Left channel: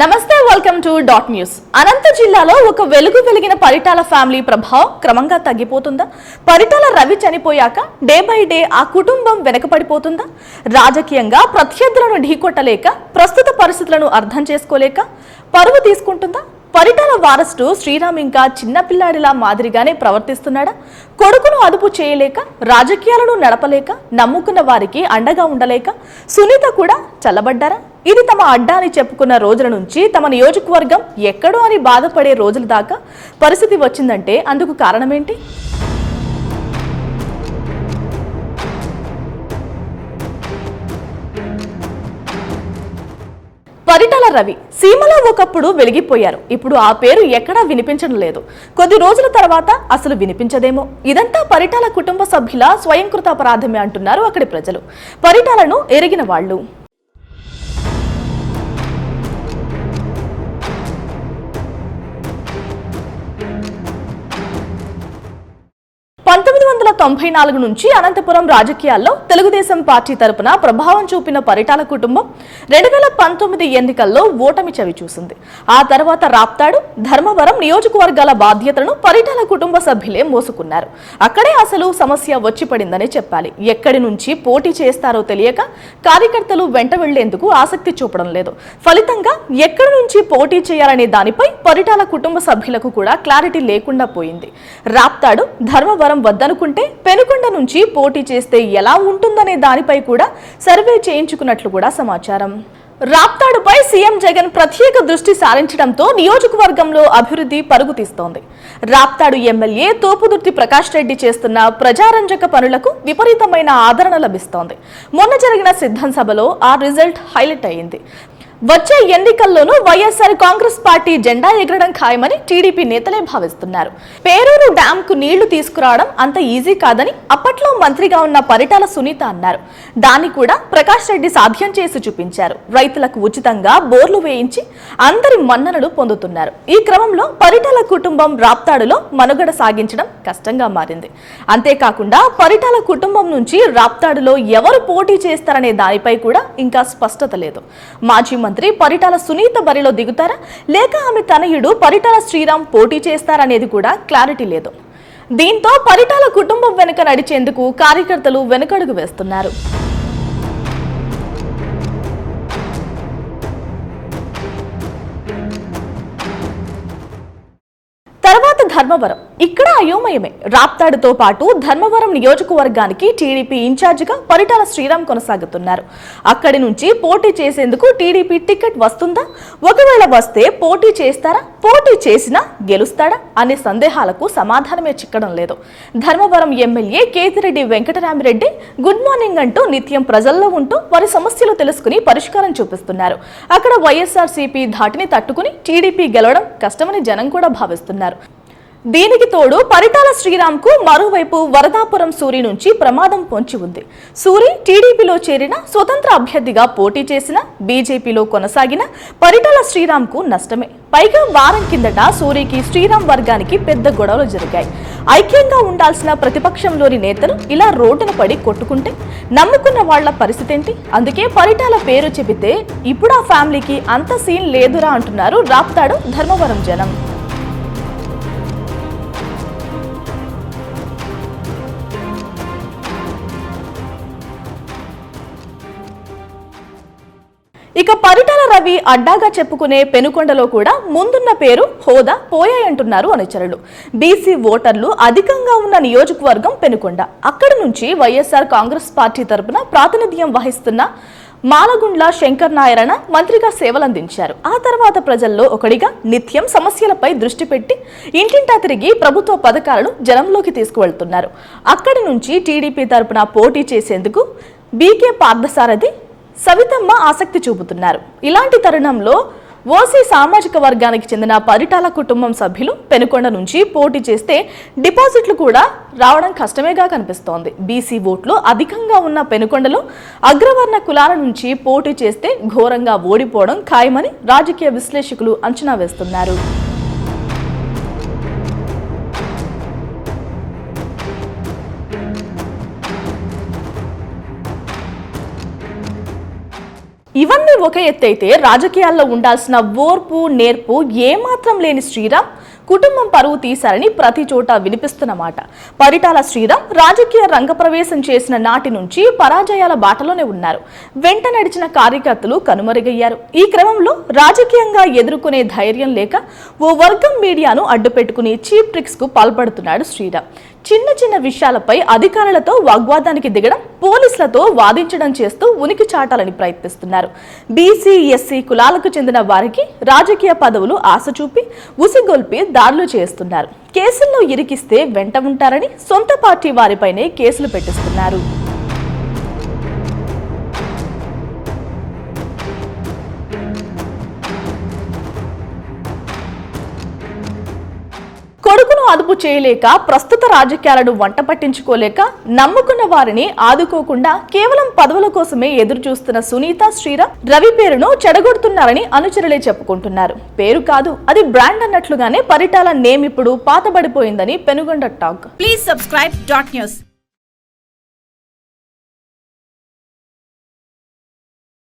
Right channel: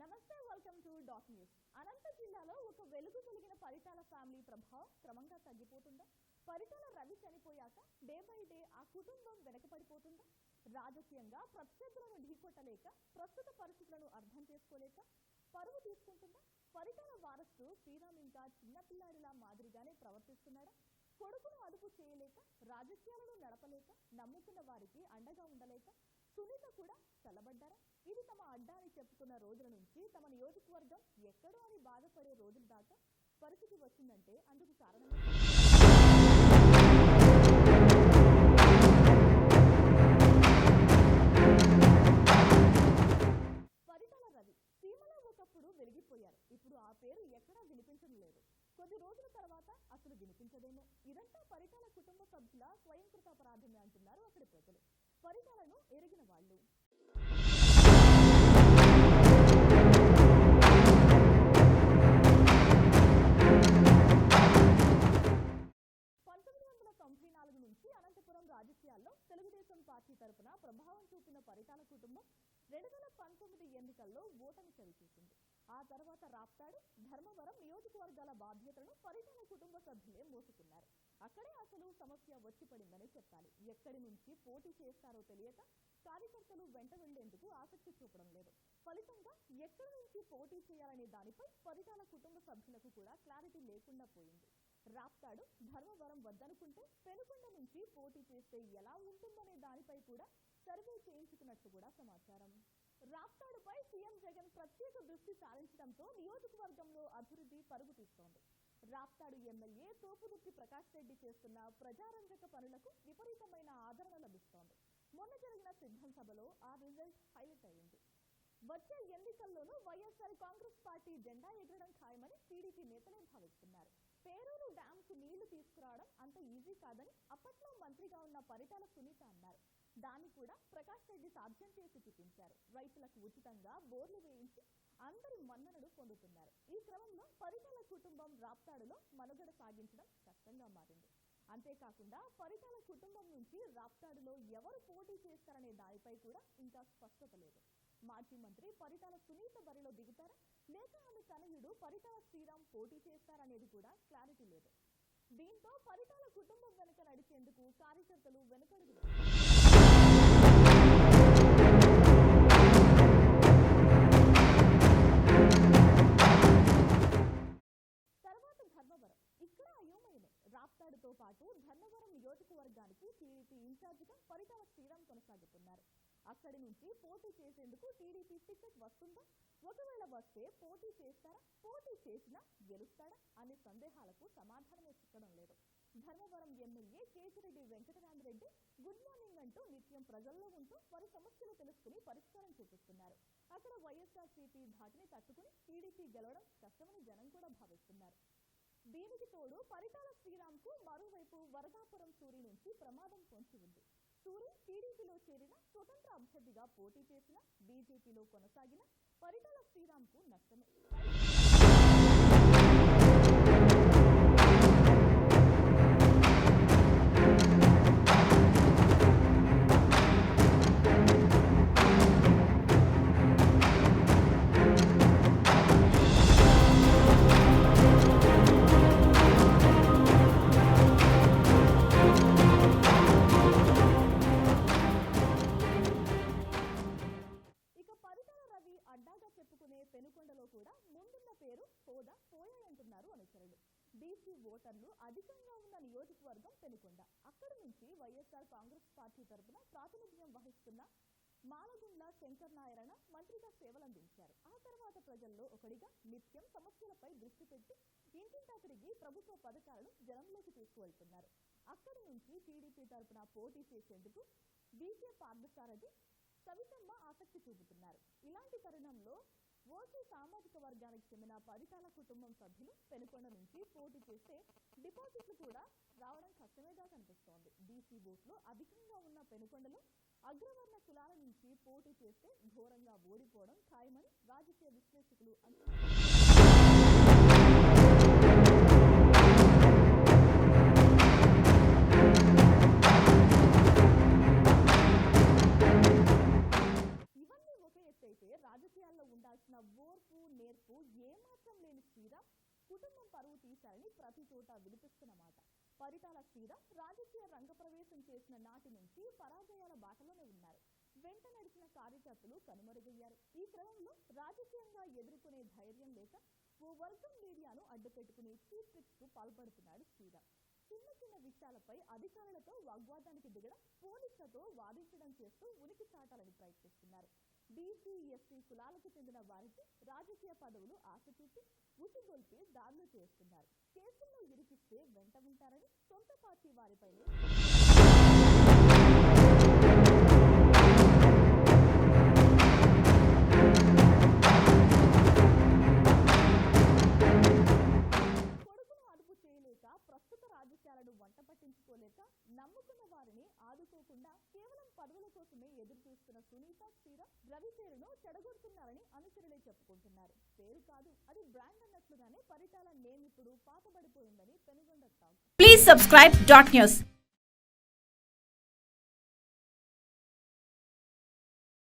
నమస్తే, welcome to dot news. అనంత జిల్లాలో ఒక వెలుగు వెలిగిన పరిటాల ఫ్యామిలీ ప్రభావం క్రమంగా తగ్గిపోతుందా? పరిటాల రవి చనిపోయాక డే బై డే ఆ కుటుంబం వెనకపడిపోతుందా? రాజకీయంగా ప్రత్యర్థులను ఢీకొట్టలేక, ప్రస్తుత పరిస్థితులను అర్థం చేసుకోలేక పరువు తీసుకుంటుందా? పరిటాల వారసుడు శ్రీరామ్ ఇంకా చిన్నపిల్లాడిలా మాదిరిగానే ప్రవర్తిస్తున్నాడా? కొడుకును అదుపు చేయలేక, రాజకీయాలను నడపలేక, నమ్ముకున్న వారికి అండగా ఉండలేక సునీత కూడా చల్లబడ్డారా? ఇది తమ అడ్డా అని చెప్పుకున్న రోజుల నుంచి తమ నియోజకవర్గం ఎక్కడో అని బాధపడే రోజుల దాకా పరిస్థితి వచ్చిందంటే అందుకు కారణమేంటి? పరిటాల రవి సీమలో ఒకప్పుడు వెలిగిపోయారు. ఇప్పుడు ఆ పేరు ఎక్కడా వినిపించడం లేదు. కొద్ది రోజుల తర్వాత అసలు వినిపించదేమో. ఇదంతా పరిటాల కుటుంబ సభ్యుల స్వయంకృత అపరాధమే అంటున్నారు అక్కడి ప్రజలు, పరిటాలను ఎరిగిన వాళ్ళు. నుంచి అనంతపురం రాజకీయాల్లో తెలుగుదేశం పార్టీ తరపున ప్రభావం చూపిన పరిటాల కుటుంబం 2019 ఎన్నికల్లో ఓటమి చవి చూసింది. ఆ తర్వాత రాప్తాడు, ధర్మవరం నియోజకవర్గాల బాధ్యతలను పరిటాల కుటుంబ సభ్యులే మోసుకున్నారు. అక్కడే అసలు సమస్య వచ్చి పడిందని చెప్పాలి. ఎక్కడి నుంచి పోటీ చేస్తారో తెలియక కార్యకర్తలు వెంట వెళ్లేందుకు ఆసక్తి చూపడం లేదు. ఫలితంగా ఎక్కడి నుంచి పోటీ చేయాలనే దానిపై పరిటాల కుటుంబ సభ్యులకు కూడా క్లారిటీ లేకుండా పోయింది. రాప్తాడు, ధర్మవరం వద్దనుకుంటే పెనుకొండ నుంచి పోటీ చేస్తే ఎలా ఉంటుందనే దానిపై కూడా సర్వే చేయించుకున్నట్లు కూడా సమాచారం. రాప్తాడుపై సీఎం జగన్ ప్రత్యేక దృష్టి సారించడంతో నియోజకవర్గంలో అభివృద్ధి పరుగు తీస్తోంది. రాప్తాడు ఎమ్మెల్యే తోపుదుర్తి ప్రకాష్ రెడ్డి చేస్తున్న ప్రజారంజక పనులకు విపరీతమైన ఆదరణ లభిస్తోంది. మొన్న జరిగిన సిద్ధం సభలో ఆ రిజల్ట్ హైలైట్ అయింది. వచ్చే ఎన్నికల్లోనూ వైఎస్ఆర్ కాంగ్రెస్ పార్టీ జెండా ఎగరడం ఖాయమని టీడీపీ నేతలే భావిస్తున్నారు. పేరూరు డ్యామ్ కు నీళ్లు తీసుకురావడం అంత ఈజీ కాదని అప్పట్లో మంత్రిగా ఉన్న పరిటాల సునీత అన్నారు. దాన్ని కూడా ప్రకాష్ రెడ్డి సాధ్యం చేసి చూపించారు. రైతులకు ఉచితంగా బోర్లు వేయించి అందరి మన్ననలు పొందుతున్నారు. ఈ క్రమంలో పరిటాల కుటుంబం రాప్తాడులో మనుగడ సాగించడం కష్టంగా మారింది. అంతేకాకుండా పరిటాల కుటుంబం నుంచి రాప్తాడులో ఎవరు పోటీ చేస్తారనే దానిపై కూడా ఇంకా స్పష్టత లేదు. మాజీ మంత్రి పరిటాల సునీత బరిలో దిగుతారా, లేక ఆమె తనయుడు పరిటాల శ్రీరామ్ పోటీ చేస్తారనేది కూడా క్లారిటీ లేదు. దీంతో పరిటాల కుటుంబం వెనుక నడిచేందుకు కార్యకర్తలు వెనుకడుగు వేస్తున్నారు. తర్వాత ధర్మవరం, ఇక్కడ అయోమయమే. రాప్తాడుతో పాటు ధర్మవరం నియోజకవర్గానికి టీడీపీ ఇన్ఛార్జిగా పరిటాల శ్రీరామ్ కొనసాగుతున్నారు. అక్కడి నుంచి పోటీ చేసేందుకు టీడీపీ టికెట్ వస్తుందా? ఒకవేళ వస్తే పోటీ చేస్తారా? పోటీ చేసినా గెలుస్తాడా అనే సందేహాలకు సమాధానమే చిక్కడం లేదు. Dharmavaram MLA Kethireddy Venkatramireddy good morning అంటూ నిత్యం ప్రజల్లో ఉంటూ వారి సమస్యలు తెలుసుకుని పరిష్కారం చూపిస్తున్నారు. అక్కడ వైఎస్ఆర్సీపీ ధాటిని తట్టుకుని టీడీపీ గెలవడం కష్టమని జనం కూడా భావిస్తున్నారు. దీనికి తోడు పరిటాల శ్రీరామ్ కు మరోవైపు వరదాపురం సూరి నుంచి ప్రమాదం పొంచి ఉంది. సూరి టీడీపీలో చేరిన, స్వతంత్ర అభ్యర్థిగా పోటీ చేసిన, బీజేపీలో కొనసాగిన పరిటాల శ్రీరామ్ కు నష్టమే. పైగా వారం కిందట సూరికి శ్రీరామ్ వర్గానికి పెద్ద గొడవలు జరిగాయి. ఐక్యంగా ఉండాల్సిన ప్రతిపక్షంలోని నేతలు ఇలా రోడ్డున పడి కొట్టుకుంటే నమ్ముకున్న వాళ్ల పరిస్థితి ఏంటి? అందుకే పరిటాల పేరు చెబితే ఇప్పుడు ఆ ఫ్యామిలీకి అంత సీన్ లేదురా అంటున్నారు రాప్తాడు, ధర్మవరం జనం. ఇక పరిటాల రవి అడ్డాగా చెప్పుకునే పెనుకొండలో కూడా ముందున్న పేరు, హోదా పోయాయంటున్నారు అనుచరులు. బీసీ ఓటర్లు అధికంగా ఉన్న నియోజకవర్గం పెనుకొండ. అక్కడి నుంచి వైఎస్ఆర్ కాంగ్రెస్ పార్టీ తరపున ప్రాతినిధ్యం వహిస్తున్న మాలగుండ్ల శంకర్ నారాయణ మంత్రిగా సేవలందించారు. ఆ తర్వాత ప్రజల్లో ఒకడిగా నిత్యం సమస్యలపై దృష్టి పెట్టి ఇంటింటా తిరిగి ప్రభుత్వ పథకాలను జనంలోకి తీసుకువెళ్తున్నారు. అక్కడి నుంచి టీడీపీ తరపున పోటీ చేసేందుకు బీకే పార్థసారథి, సవితమ్మ ఆసక్తి చూపుతున్నారు. ఇలాంటి తరుణంలో ఓసీ సామాజిక వర్గానికి చెందిన పరిటాల కుటుంబం సభ్యులు పెనుకొండ నుంచి పోటీ చేస్తే డిపాజిట్లు కూడా రావడం కష్టమేగా కనిపిస్తోంది. బీసీ ఓట్లు అధికంగా ఉన్న పెనుకొండలో అగ్రవర్ణ కులాల నుంచి పోటీ చేస్తే ఘోరంగా ఓడిపోవడం ఖాయమని రాజకీయ విశ్లేషకులు అంచనా వేస్తున్నారు. ఇవన్నీ ఒక ఎత్తైతే రాజకీయాల్లో ఉండాల్సిన ఓర్పు నేర్పు ఏమాత్రం లేని శ్రీరామ్ కుటుంబం పరువు తీశారని ప్రతి చోట వినిపిస్తున్న మాట. పరిటాల శ్రీరామ్ రాజకీయ రంగప్రవేశం చేసిన నాటి నుంచి పరాజయాల బాటలోనే ఉన్నారు. వెంట నడిచిన కార్యకర్తలు కనుమరుగయ్యారు. ఈ క్రమంలో రాజకీయంగా ఎదుర్కొనే ధైర్యం లేక ఓ వర్గం మీడియాను అడ్డుపెట్టుకుని చీప్ ట్రిక్స్ కు పాల్పడుతున్నాడు శ్రీరామ్. చిన్న చిన్న విషయాలపై అధికారులతో వాగ్వాదానికి దిగడం, పోలీసులతో వాదించడం చేస్తూ ఉనికి చాటాలని ప్రయత్నిస్తున్నారు. బీసీ ఎస్సీ కులాలకు చెందిన వారికి రాజకీయ పదవులు ఆశ చూపి ఉసిగొల్పి దాడులు చేస్తున్నారు. కేసుల్లో ఇరికిస్తే వెంట ఉంటారని సొంత పార్టీ వారిపైనే కేసులు పెట్టిస్తున్నారు. కొడుకును అదుపు చేయలేక, ప్రస్తుత రాజకీయాలను వంట పట్టించుకోలేక, నమ్ముకున్న వారిని ఆదుకోకుండా కేవలం పదవుల కోసమే ఎదురు చూస్తున్న సునీత, శ్రీరామ్ రవి పేరును చెడగొడుతున్నారని అనుచరులే చెప్పుకుంటున్నారు. పేరు కాదు, అది బ్రాండ్ అన్నట్లుగానే పరిటాల నేమ్ ఇప్పుడు పాతబడిపోయిందని Penukonda talk. Please subscribe .news.